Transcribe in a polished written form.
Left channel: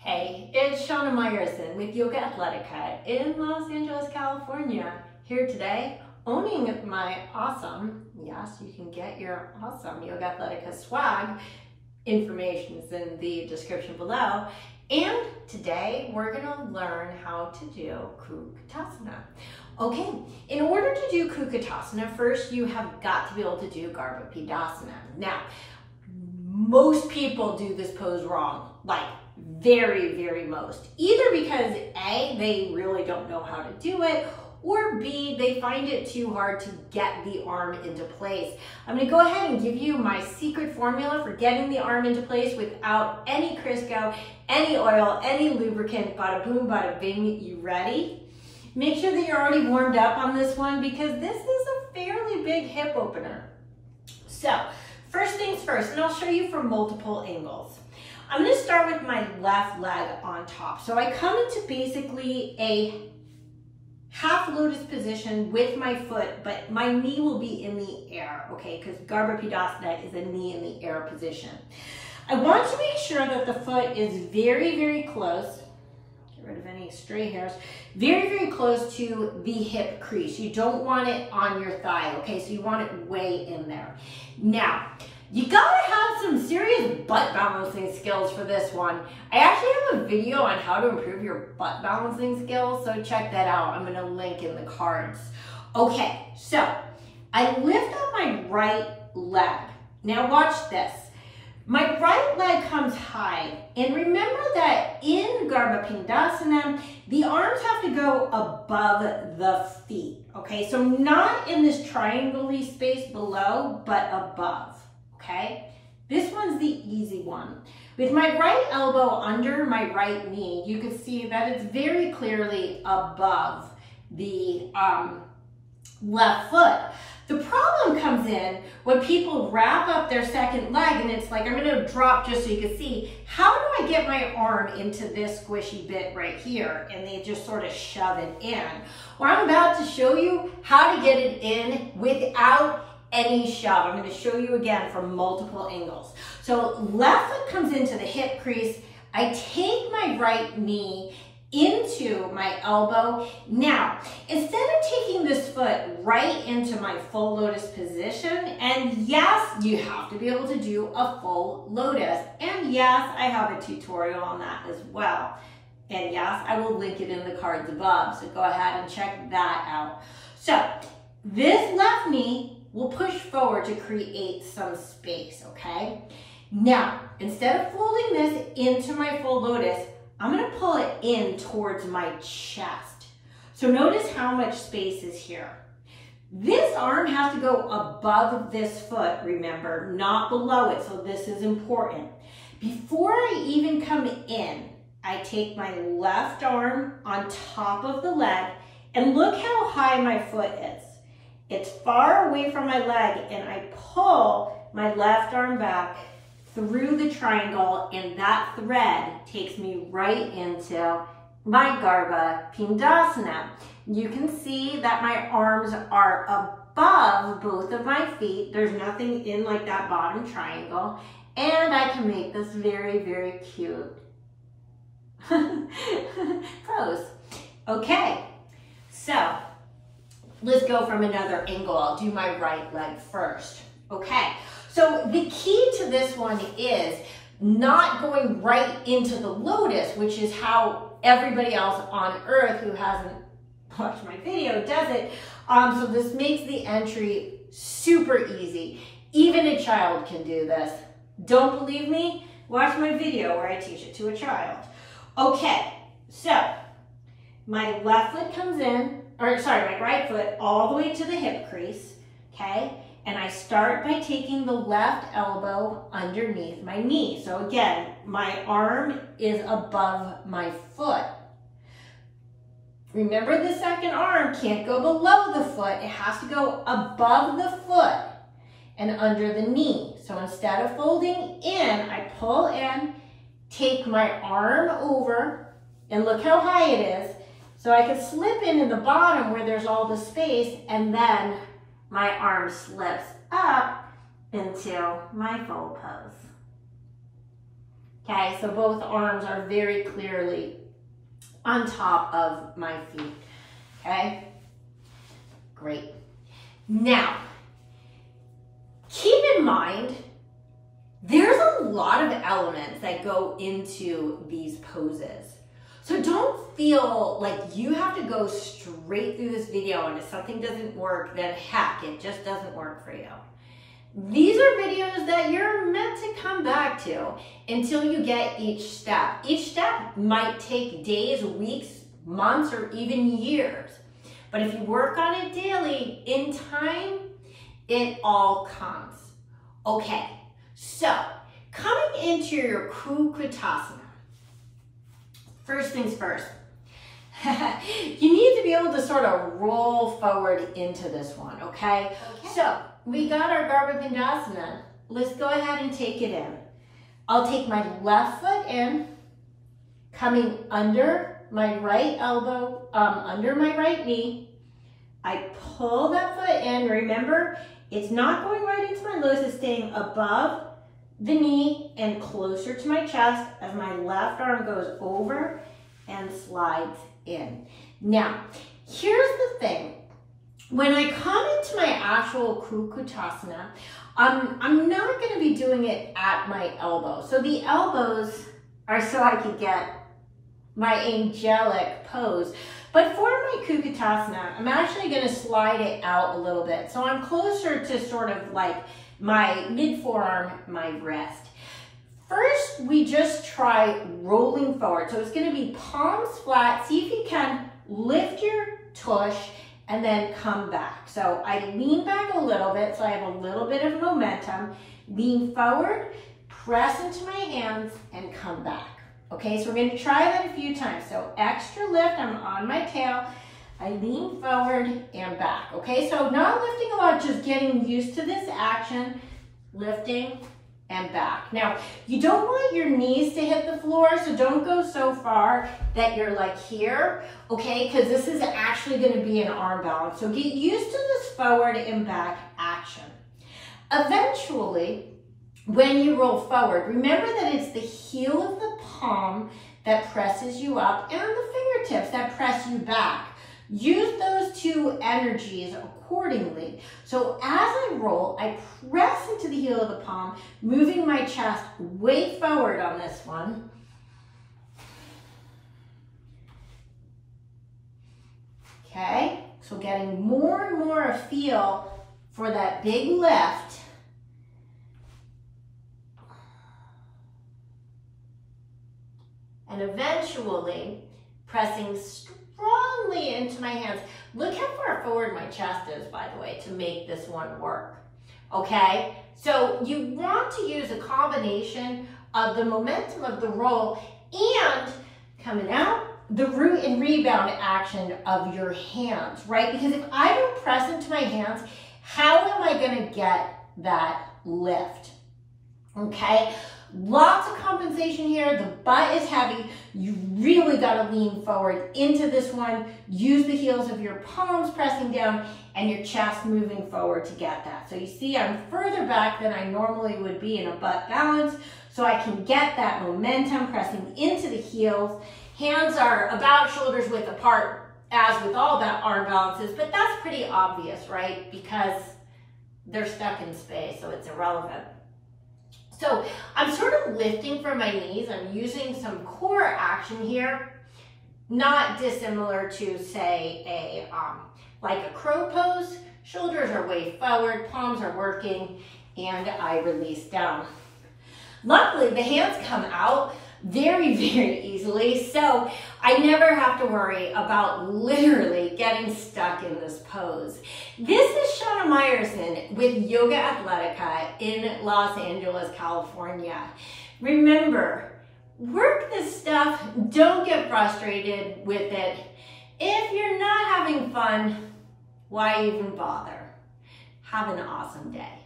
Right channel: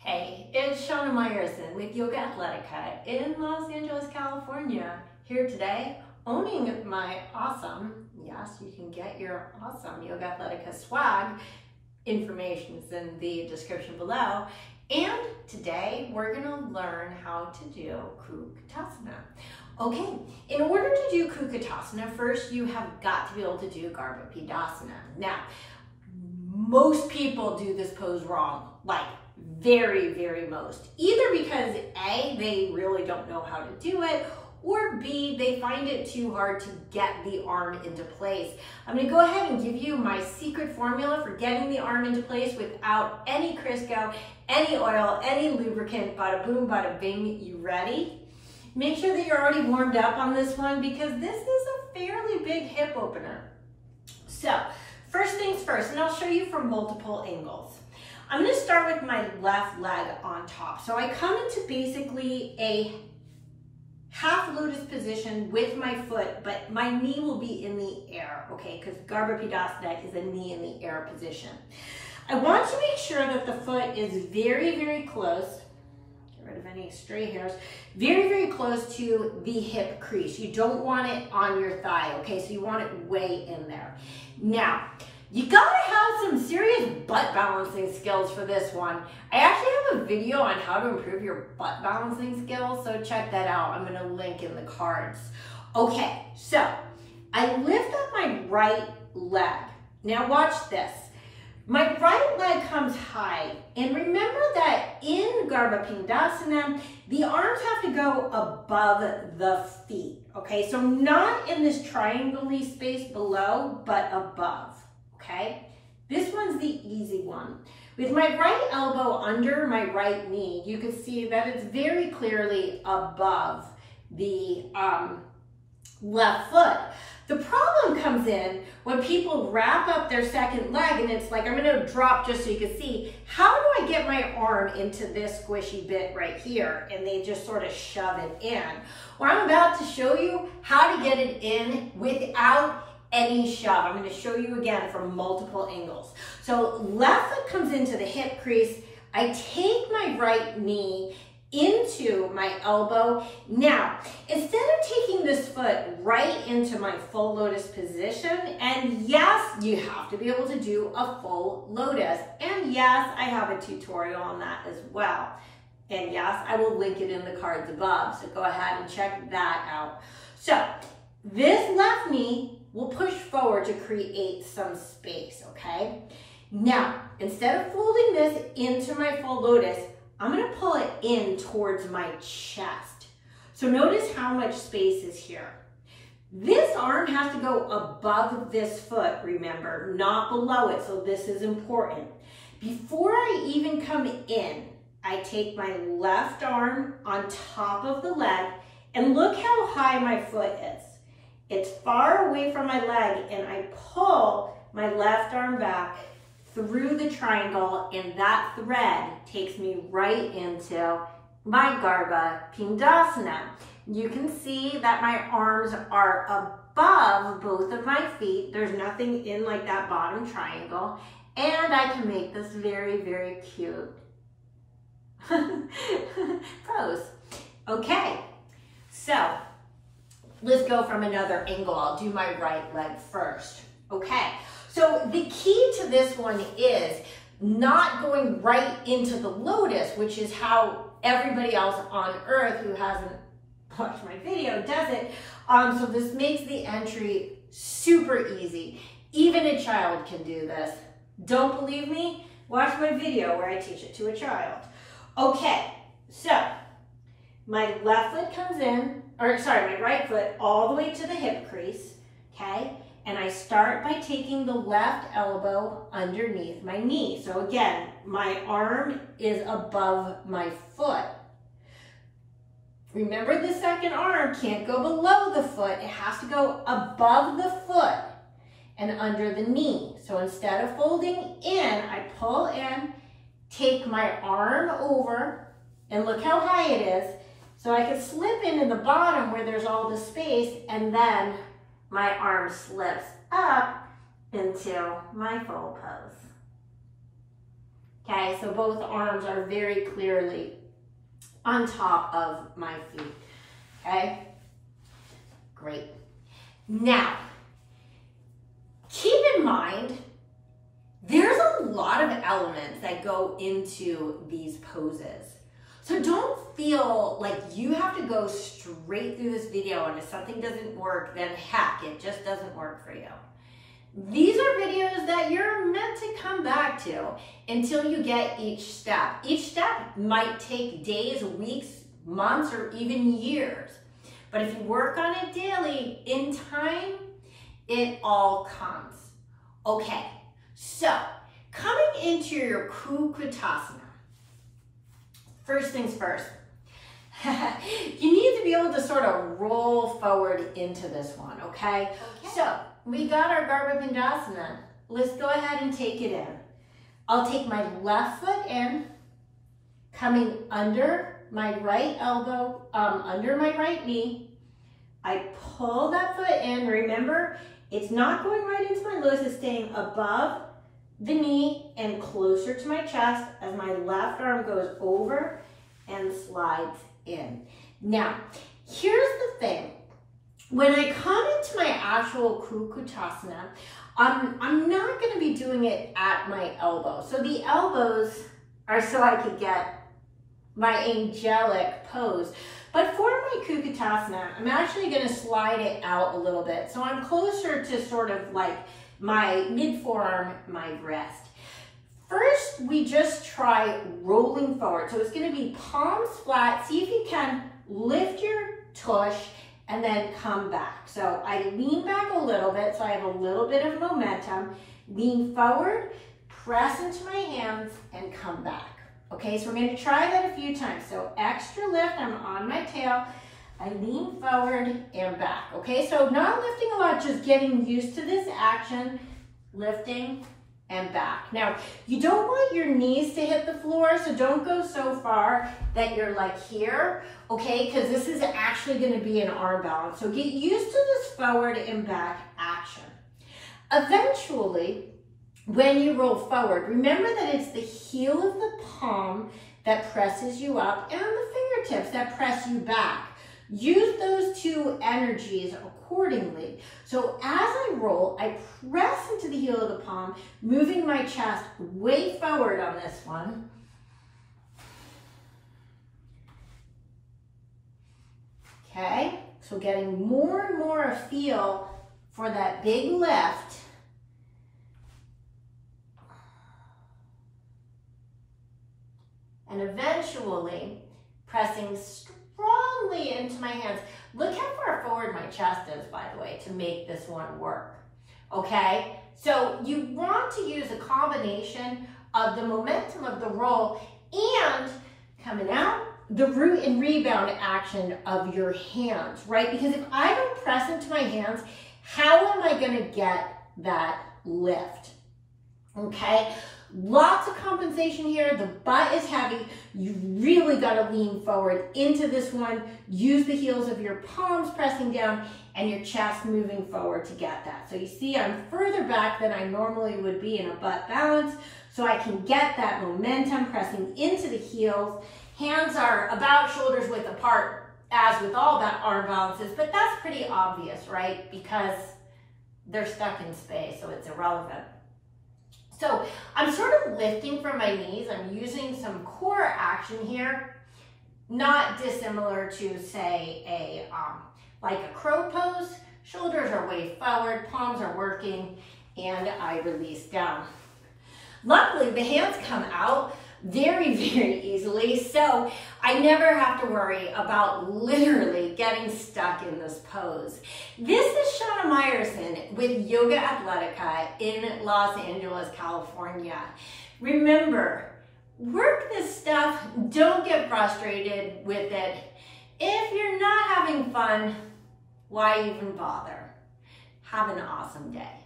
Hey, it's Shana Meyerson with YOGAthletica in Los Angeles, California. Here today, owning my awesome, yes, you can get your awesome YOGAthletica swag. Information is in the description below. And today, we're gonna learn how to do Kukkutasana. Okay, in order to do Kukkutasana, first you have got to be able to do Garbha Pindasana. Now, most people do this pose wrong, like very most. Either because A, they really don't know how to do it, or B, they find it too hard to get the arm into place. I'm gonna go ahead and give you my secret formula for getting the arm into place without any Crisco, any oil, any lubricant. Bada boom, bada bing. You ready? Make sure that you're already warmed up on this one because this is a fairly big hip opener. So, first things first, and I'll show you from multiple angles. I'm gonna start with my left leg on top. So I come into basically a half lotus position with my foot, but my knee will be in the air, okay? Because Garbha Pindasana is a knee in the air position. I want to make sure that the foot is very close. Get rid of any stray hairs. Very close to the hip crease. You don't want it on your thigh, okay? So you want it way in there. Now, you gotta have some serious butt balancing skills for this one. I actually have a video on how to improve your butt balancing skills, so check that out. I'm gonna link in the cards. Okay, so I lift up my right leg. Now watch this. My right leg comes high, and remember that in Garbha Pindasana, the arms have to go above the feet, okay? So not in this triangle-y space below, but above. Okay, this one's the easy one. With my right elbow under my right knee, you can see that it's very clearly above the left foot. The problem comes in when people wrap up their second leg and it's like, I'm gonna drop just so you can see, how do I get my arm into this squishy bit right here? And they just sort of shove it in. Well, I'm about to show you how to get it in without any shove. I'm going to show you again from multiple angles. So left foot comes into the hip crease. I take my right knee into my elbow. Now, instead of taking this foot right into my full lotus position, and yes, you have to be able to do a full lotus. And yes, I have a tutorial on that as well. And yes, I will link it in the cards above. So go ahead and check that out. So this left knee will push forward to create some space, okay? Now, instead of folding this into my full lotus, I'm gonna pull it in towards my chest. So notice how much space is here. This arm has to go above this foot, remember, not below it, so this is important. Before I even come in, I take my left arm on top of the leg, and look how high my foot is. It's far away from my leg, and I pull my left arm back through the triangle, and that thread takes me right into my Garbha Pindasana. You can see that my arms are above both of my feet. There's nothing in like that bottom triangle, and I can make this very cute pose. Okay, so let's go from another angle. I'll do my right leg first. Okay, so the key to this one is not going right into the lotus, which is how everybody else on earth who hasn't watched my video does it. So this makes the entry super easy. Even a child can do this. Don't believe me? Watch my video where I teach it to a child. Okay, so my left foot comes in, my right foot all the way to the hip crease, okay? And I start by taking the left elbow underneath my knee. So again, my arm is above my foot. Remember, the second arm can't go below the foot. It has to go above the foot and under the knee. So instead of folding in, I pull in, take my arm over, and look how high it is. So I can slip in the bottom where there's all the space, and then my arm slips up into my full pose. Okay, so both arms are very clearly on top of my feet. Okay, great. Now, keep in mind, there's a lot of elements that go into these poses. So don't feel like you have to go straight through this video, and if something doesn't work, then heck, it just doesn't work for you. These are videos that you're meant to come back to until you get each step. Each step might take days, weeks, months, or even years. But if you work on it daily, in time, it all comes. Okay, so coming into your Kukkutasana. First things first, you need to be able to sort of roll forward into this one, okay? So we got our Garbha Pindasana. Let's go ahead and take it in. I'll take my left foot in, coming under my right elbow, under my right knee. I pull that foot in. Remember, it's not going right into my lotus, it's staying above the knee and closer to my chest as my left arm goes over and slides in. Now, here's the thing. When I come into my actual Kukkutasana, I'm not going to be doing it at my elbow. So the elbows are so I could get my angelic pose. But for my Kukkutasana, I'm actually going to slide it out a little bit. So I'm closer to sort of like my mid-forearm, my wrist. First, we just try rolling forward. So it's going to be palms flat. See if you can lift your tush and then come back. So I lean back a little bit so I have a little bit of momentum. Lean forward, press into my hands, and come back. Okay, so we're going to try that a few times. So extra lift, I'm on my tail. I lean forward and back. Okay, so not lifting a lot, just getting used to this action. Lifting and back. Now, you don't want your knees to hit the floor, so don't go so far that you're like here, okay? Because this is actually going to be an arm balance. So get used to this forward and back action. Eventually, when you roll forward, remember that it's the heel of the palm that presses you up and the fingertips that press you back. Use those two energies accordingly. So as I roll, I press into the heel of the palm, moving my chest way forward on this one. Okay, so getting more and more a feel for that big lift. And eventually pressing strongly into my hands. Look how far forward my chest is, by the way, to make this one work. Okay, so you want to use a combination of the momentum of the roll and coming out, the root and rebound action of your hands, right? Because if I don't press into my hands, how am I going to get that lift? Okay, lots of compensation here. The butt is heavy. You really got to lean forward into this one. Use the heels of your palms pressing down and your chest moving forward to get that. So you see I'm further back than I normally would be in a butt balance, so I can get that momentum pressing into the heels. Hands are about shoulders width apart, as with all that arm balances, but that's pretty obvious, right? Because they're stuck in space, so it's irrelevant. So I'm sort of lifting from my knees. I'm using some core action here, not dissimilar to, say, like a crow pose. Shoulders are way forward, palms are working, and I release down. Luckily, the hands come out very, very easily, so I never have to worry about literally getting stuck in this pose. This is Shana Meyerson with YOGAthletica in Los Angeles, California. Remember, work this stuff, don't get frustrated with it. If you're not having fun, why even bother? Have an awesome day.